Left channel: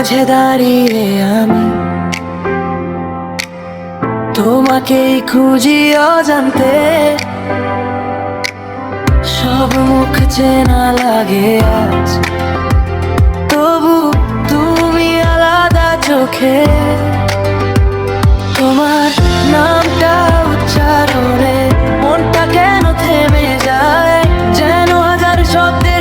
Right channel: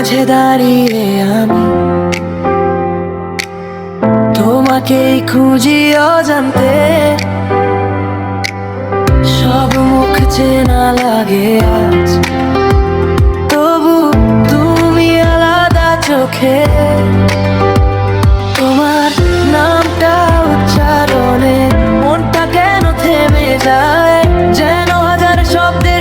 মাঝে দাঁড়িয়ে আমি। তোমাকেই খুঁজি অজান্তে সব মুখ চেনা লাগে আজ। তবু তুমি আলাদা চোখে। তোমার নামটা উচ্চারণে মনটা কেন থেমে যায়? যেন হাজার শব্দের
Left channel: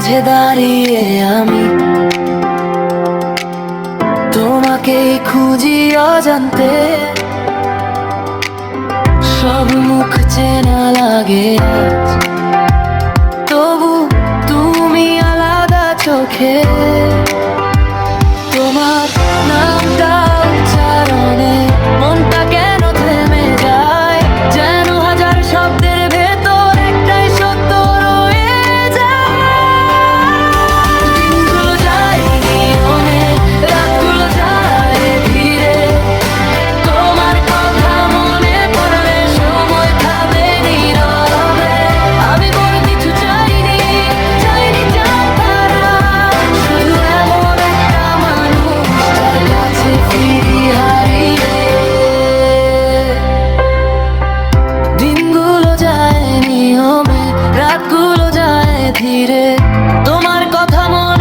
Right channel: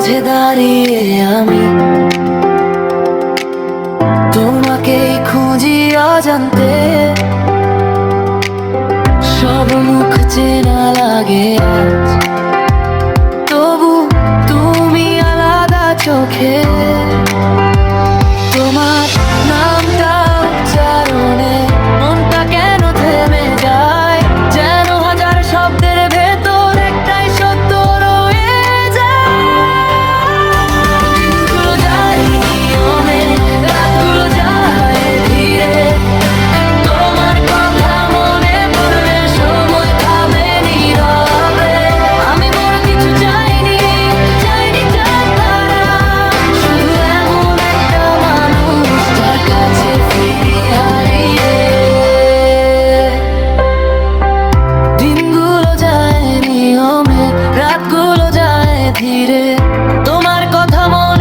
মাঝে দাঁড়িয়ে আমি তোমাকেই খুঁজি অজান্তে। সব মুখ চেনা লাগে আজ। তবু তুমি আলাদা চোখে। তোমার নামটা উচ্চারণে মনটা কেন থেমে যায়? যেন হাজার শব্দের রাতগুলো যায় ধীরে। তোমার কথা মনে